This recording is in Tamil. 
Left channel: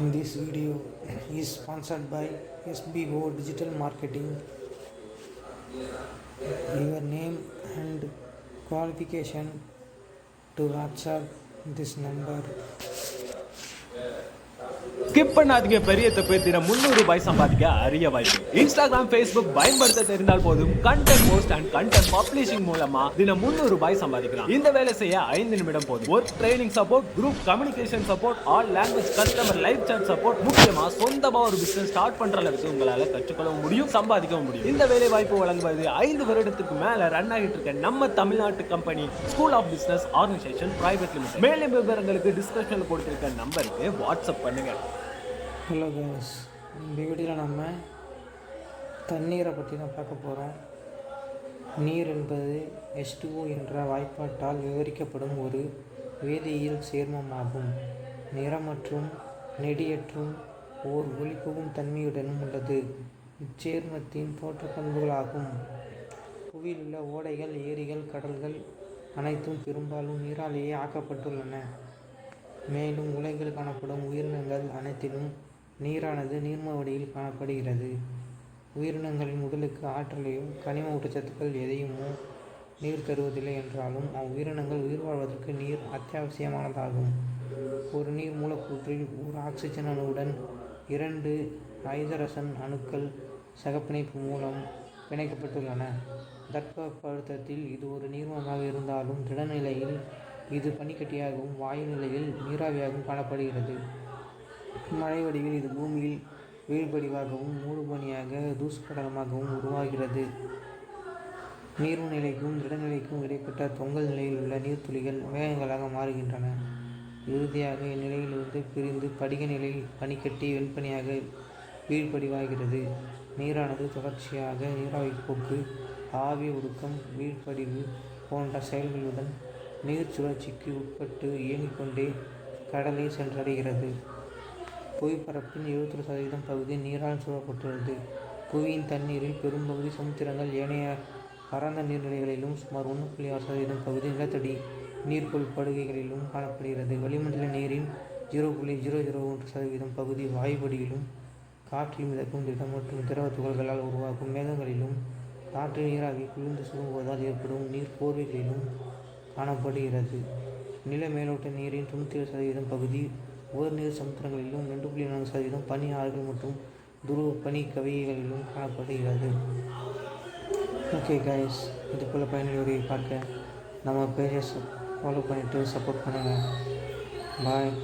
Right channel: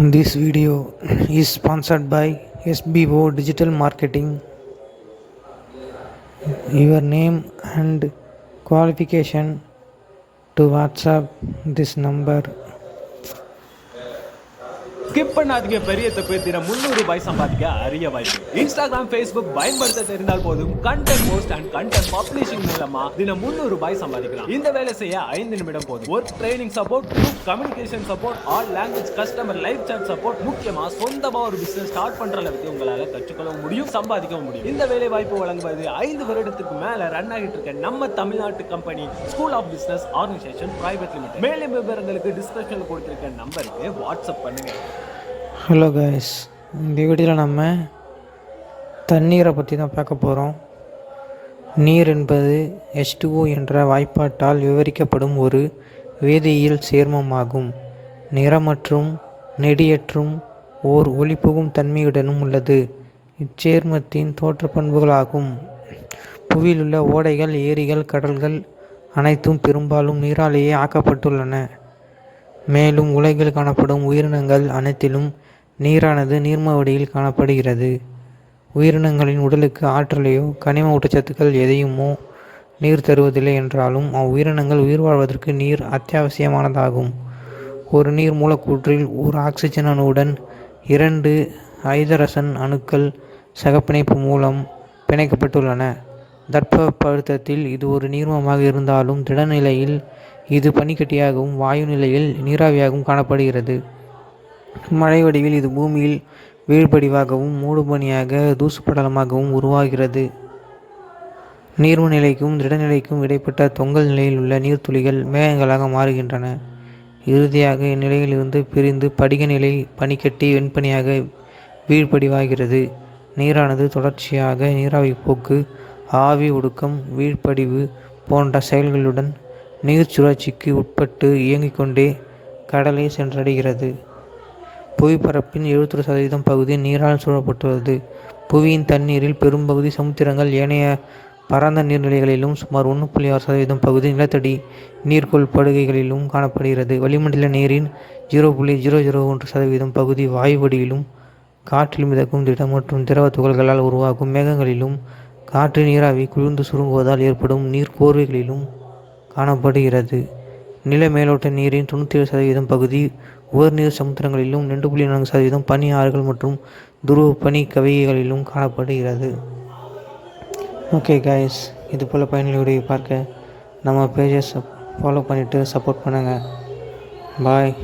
This video is sponsored by SBO Digital Marketing. Your name and qualification to WhatsApp this number. Skip பண்ணாதீங்க. பெரிய தப்பு. தினம் 300 ரூபாய் சம்பாதிக்க அரிய வாய்ப்பு. இன்ஸ்டாகிராம், ஃபேஸ்புக் பயன்படுத்த தெரிந்தால் போதும் content post and content publishing மூலமா தினம் 300 ரூபாய் சம்பாதிக்கலாம். இந்த வேலை செய்ய 5 நிமிடம் போதும். Work training support, group communication support, all language customer live chat support, முக்கியமா சொந்தமா ஒரு பிசினஸ் ஸ்டார்ட் பண்ற அளவுக்கு உங்களால கற்றுக்கொள்ளவும் முடியும், சம்பாதிக்கவும் முடியும். இந்த வேலை வாய்ப்பு வழங்குவது 5 வருடத்துக்கு மேல ரன் ஆகிட்டு இருக்க நம்ம தமிழ்நாட்டு company school of business organisation private limited. மேலும் விவரங்களுக்கு டிஸ்கிரிப்ஷன்ல கொடுத்திருக்க நம்பருக்கு வாட்ஸ்அப் பண்ணுங்க. ஹலோ கைஸ், இந்த வீடியோவில் நம்ம தண்ணீரை பற்றி தான் பார்க்க போகிறோம். நீர் என்பது H2O என்ற வாய்ப்பாட்டால் விவரிக்கப்படும் ஒரு வேதியியல் சேர்மமாகும். நிறமற்றும் நெடியற்றும் ஓர் ஒளிபுகும் தன்மையுடனும் உள்ளது. இச்சேர்மத்தின் தோற்ற பண்புகளாகும். புவியில் உள்ள ஓடைகள், ஏரிகள், கடல்கள் அனைத்தும் பெரும்பாலும் நீராலேயே ஆக்கப்பட்டுள்ளன. மேலும் உலகில் காணப்படும் உயிரினங்கள் அனைத்திலும் நீரானது நீர்ம வடிவில் காணப்படுகிறது. உயிரினங்களின் உடலுக்கு ஆற்றலையோ கனிம ஊட்டச்சத்துக்கள் எதையுமோ நீர் தருவதில்லை என்றாலும் அவ்வுயிரினங்கள் உயிர் வாழ்வதற்கு நீர் அத்தியாவசியமானதாகும். ஒரு நீர் மூலக்கூற்றில் ஒரு ஆக்சிஜன் அணுவுடன் 2 ஐதரசன் அணுக்கள் சகப்பிணைப்பு மூலம் பிணைக்கப்பட்டுள்ளன. தட்பவெப்பத்தில் இது ஒரு நீர்மமாக இருந்தாலும் திடநிலையில் இது பனிக்கட்டியாகவும் வாயு நிலையில் நீராவியாகவும் காணப்படுகிறது. மழை வடிவில் இது பூமியில் வீழ்படிவாகவும் மூடுபனியாக தூசுப்படலமாகவும் உருவாகிறது. நீர்ம நிலைக்கும் திடநிலைக்கும் இடைப்பட்ட தொங்கல் நிலையில் உள்ள நீர்த்துளிகள் மேகங்களாக மாறுகின்றன. இறுதியாக இந்நிலையிலிருந்து பிரிந்து படிக நிலை பனிக்கட்டி வெண்பனியாக வீழ்படிவாகிறது. நீரானது தொடர்ச்சியாக நீராவி போக்கு, ஆவி ஒடுக்கம், வீழ்படிவு போன்ற செயல்களுடன் நீர் சுழற்சிக்கு உட்பட்டு இயங்கிக் கொண்டே கடலை சென்றடைகிறது. புவிப்பரப்பின் 71% பகுதி நீரால் சூழப்பட்டுள்ளது. புவியின் தண்ணீரில் பெரும்பகுதி சமுத்திரங்கள், ஏனைய பரந்த நீர்நிலைகளிலும் சுமார் 1.6% பகுதி நிலத்தடி நீர்க்கோள் படுகைகளிலும் காணப்படுகிறது. வளிமண்டல நீரின் 0.001% பகுதி வாயு வடிவிலும் காற்றில் மிதக்கும் திட மற்றும் திரவ துகள்களால் உருவாகும் மேகங்களிலும் காற்று நீராவி குளிர்ந்து சுருங்குவதால் ஏற்படும் நீர்க்கோர்வைகளிலும் காணப்படுகிறது. நில மேலோட்ட நீரின் 97% பகுதி உவர்நீர் சமுத்திரங்களிலும் 2.4% பனி ஆறுகள் மற்றும் துருவ பனி கவிகைகளிலும் காணப்படுகிறது. ஓகே கைஸ், இது போல் பயனுள்ள வீடியோ பார்க்க நம்ம பேஜை ஃபாலோ பண்ணிவிட்டு சப்போர்ட் பண்ணுங்கள். பாய்.